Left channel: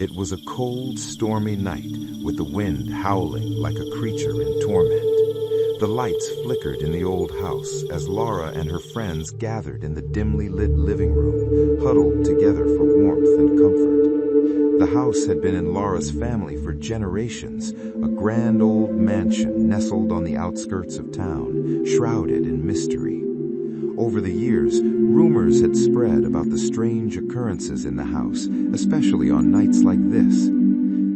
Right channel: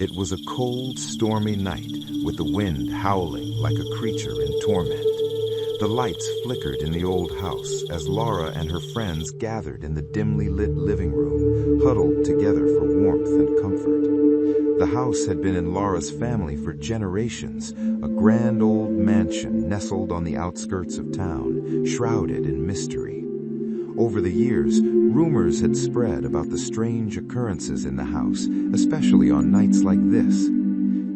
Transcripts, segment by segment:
It was a cold, stormy night, with the wind howling like a creature in torment. The lights flickered in the old house as Laura and her friends gathered in the dimly lit living room, huddled together for warmth and comfort. The house had been in Laura's family for generations, a grand old mansion nestled on the outskirts of town, shrouded in mystery. Over the years, rumors had spread about the strange occurrences in the house, especially on nights like this.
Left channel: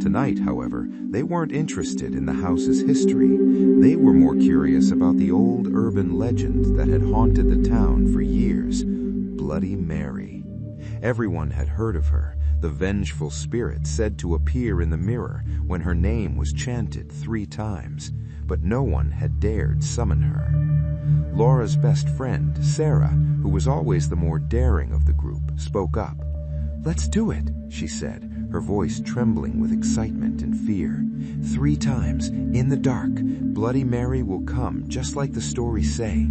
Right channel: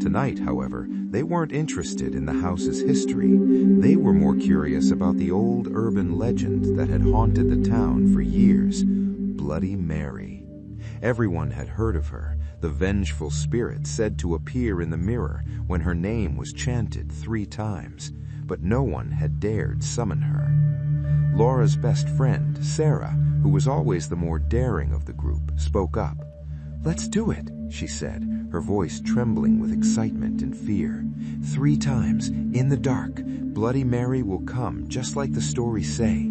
Tonight, however, they weren't interested in the house's history. They were more curious about the old urban legend that had haunted the town for years, Bloody Mary. Everyone had heard of her, the vengeful spirit said to appear in the mirror when her name was chanted 3 times, but no one had dared summon her. Laura's best friend, Sarah, who was always the more daring of the group, spoke up. "Let's do it," she said, her voice trembling with excitement and fear. 3 times, in the dark, Bloody Mary will come, just like the stories say.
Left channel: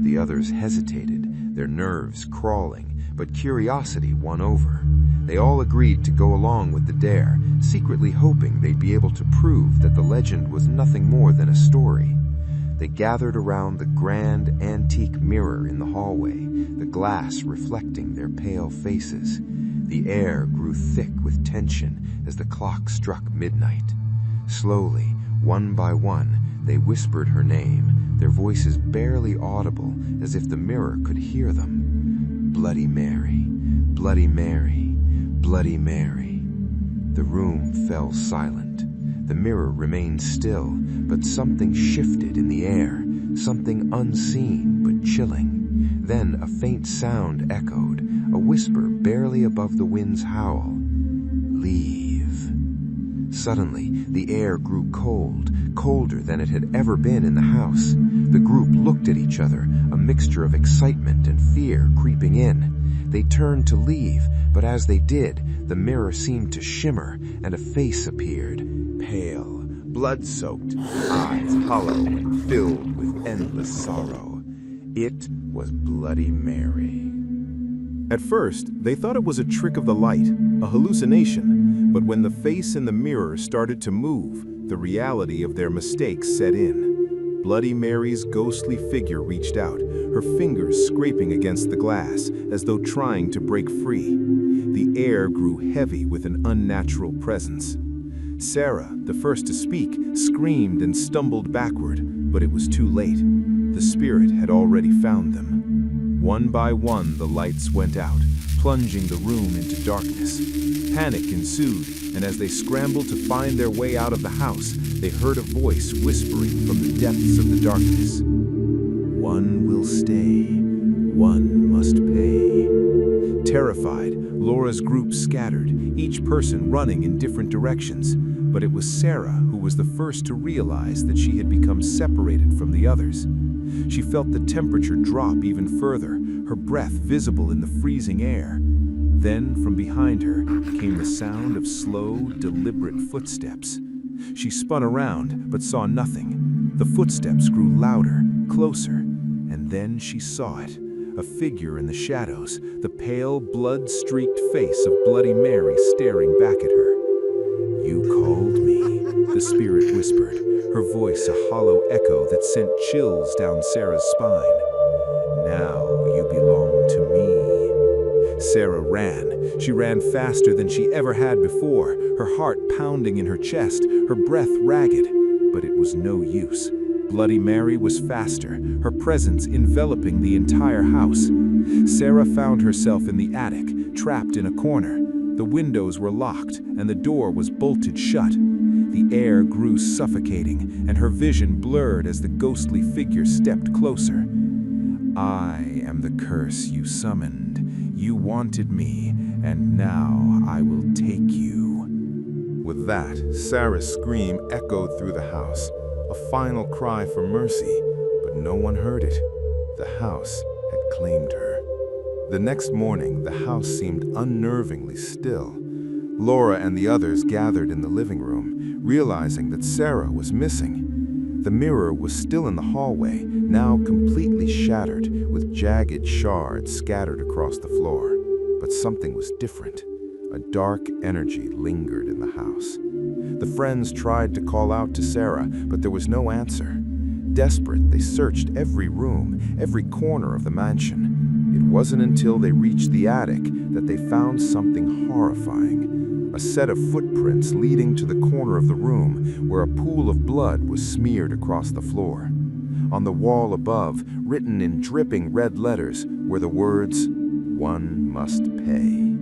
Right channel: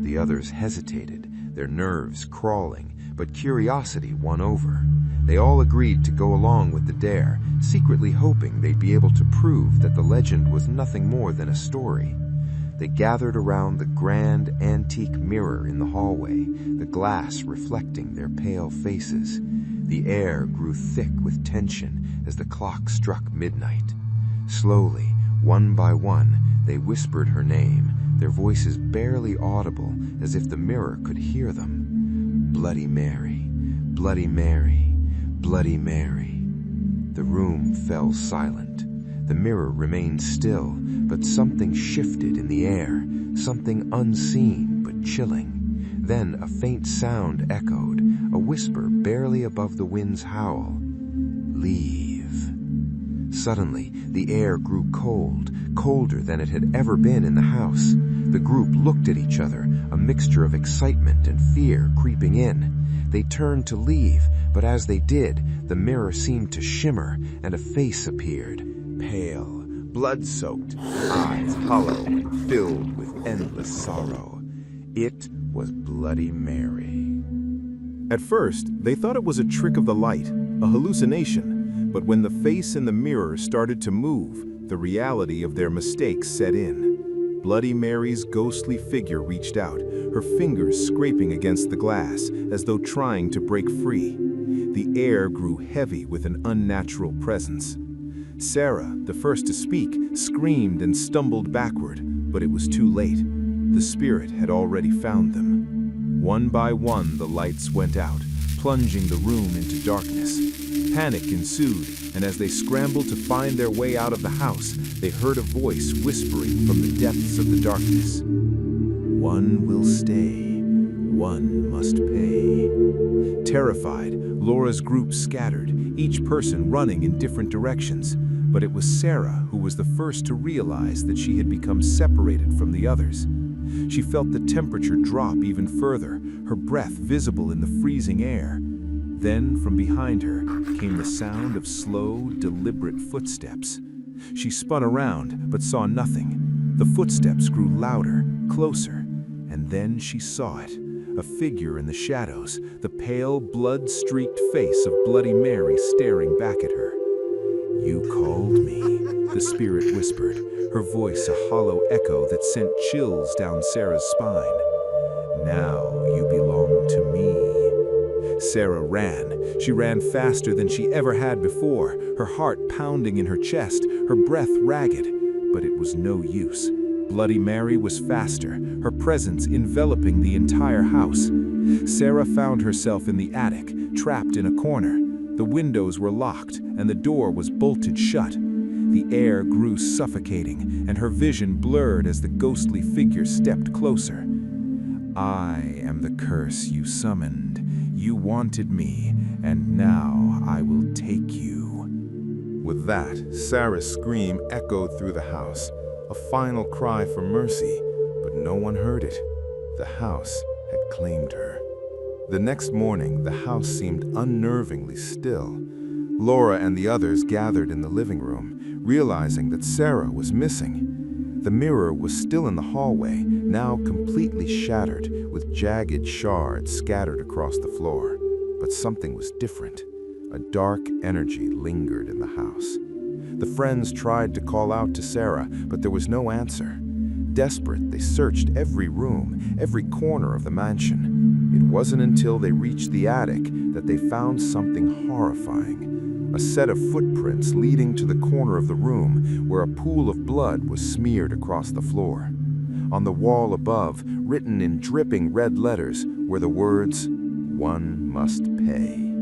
The others hesitated, their nerves crawling, but curiosity won over. They all agreed to go along with the dare, secretly hoping they'd be able to prove that the legend was nothing more than a story. They gathered around the grand, antique mirror in the hallway, the glass reflecting their pale faces. The air grew thick with tension as the clock struck midnight. Slowly, one by one, they whispered her name, their voices barely audible, as if the mirror could hear them. Bloody Mary, Bloody Mary, Bloody Mary. The room fell silent. The mirror remained still, but something shifted in the air, something unseen but chilling. Then a faint sound echoed, a whisper barely above the wind's howl. "Leave." Suddenly, the air grew cold, colder than it had ever been in the house. The group looked at each other, a mixture of excitement and fear creeping in. They turned to leave, but as they did, the mirror seemed to shimmer, and a face appeared. Pale, blood-soaked, eyes hollow and filled with endless sorrow. It was Bloody Mary. At first, they thought it was a trick of the light, a hallucination, but when the face in the mirror started to move, the reality of their mistakes set in. Bloody Mary's ghostly figure reached out, her fingers scraping against the glass, as though trying to break free. The air grew heavy with an unnatural presence. Sarah, the first to speak, screamed and stumbled backward, but it was too late. The spirit had already found them. One by one, the lights went out, plunging the room into darkness. Panic ensued, and as they scrambled to find their way out of the house, they heard a voice whispering from the depths of the darkness. "One will stay, one must pay." Terrified, Laura's group scattered, each person running in different directions. But it was Sarah who was the first to realize that she had become separated from the others. She felt the temperature drop even further, her breath visible in the freezing air. Then, from behind her, came the sound of slow, deliberate footsteps. She spun around, but saw nothing. The footsteps grew louder, closer, and then she saw it. A figure in the shadows, the pale, blood-streaked face of Bloody Mary staring back at her. "You called me," the spirit whispered, her voice a hollow echo that sent chills down Sarah's spine. "Now you belong to me." Sarah ran. She ran faster than she ever had before, her heart pounding in her chest, her breath ragged, but it was no use. Bloody Mary was faster, her presence enveloping the entire house. Sarah found herself in the attic, trapped in a corner. The windows were locked, and the door was bolted shut. The air grew suffocating, and her vision blurred as the ghostly figure stepped closer. "I am the curse you summoned. You wanted me, and now I will take you." With that, Sarah's scream echoed through the house, a final cry for mercy, but no one heard it. The house had claimed her. The next morning, the house seemed unnervingly still. Laura and the others gathered in the living room, realizing that Sarah was missing. The mirror was still in the hallway, now completely shattered, with jagged shards scattered across the floor. But something was different. A dark energy lingered in the house. The friends tried to call out to Sarah, but there was no answer. Desperate, they searched every room, every corner of the mansion. It wasn't until they reached the attic that they found something horrifying. A set of footprints leading to the corner of the room where a pool of blood was smeared across the floor. On the wall above, written in dripping red letters, were the words, "One must pay."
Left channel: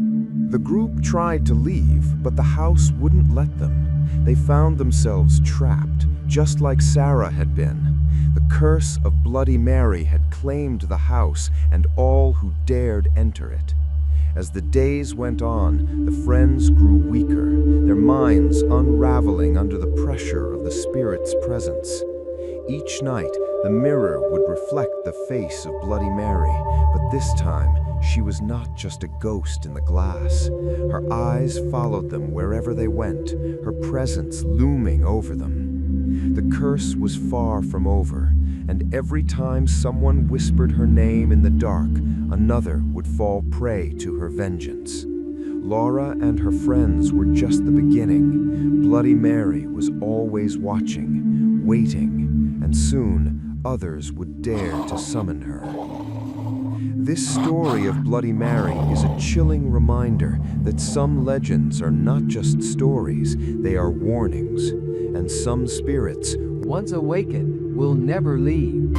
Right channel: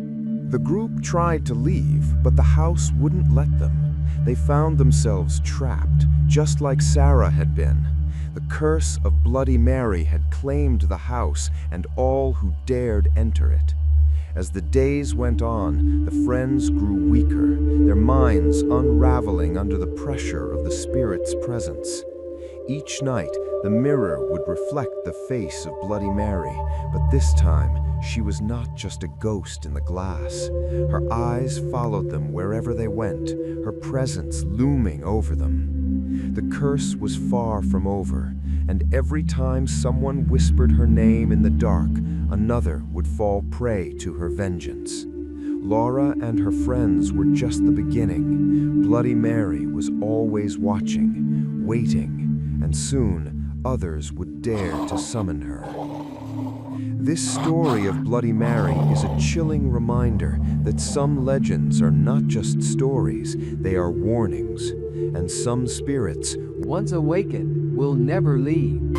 The group tried to leave, but the house wouldn't let them. They found themselves trapped, just like Sarah had been. The curse of Bloody Mary had claimed the house and all who dared enter it. As the days went on, the friends grew weaker, their minds unraveling under the pressure of the spirit's presence. Each night, the mirror would reflect the face of Bloody Mary, but this time, she was not just a ghost in the glass. Her eyes followed them wherever they went, her presence looming over them. The curse was far from over, and every time someone whispered her name in the dark, another would fall prey to her vengeance. Laura and her friends were just the beginning. Bloody Mary was always watching, waiting, and soon others would dare to summon her. This story of Bloody Mary is a chilling reminder that some legends are not just stories, they are warnings, and some spirits, once awakened, will never leave.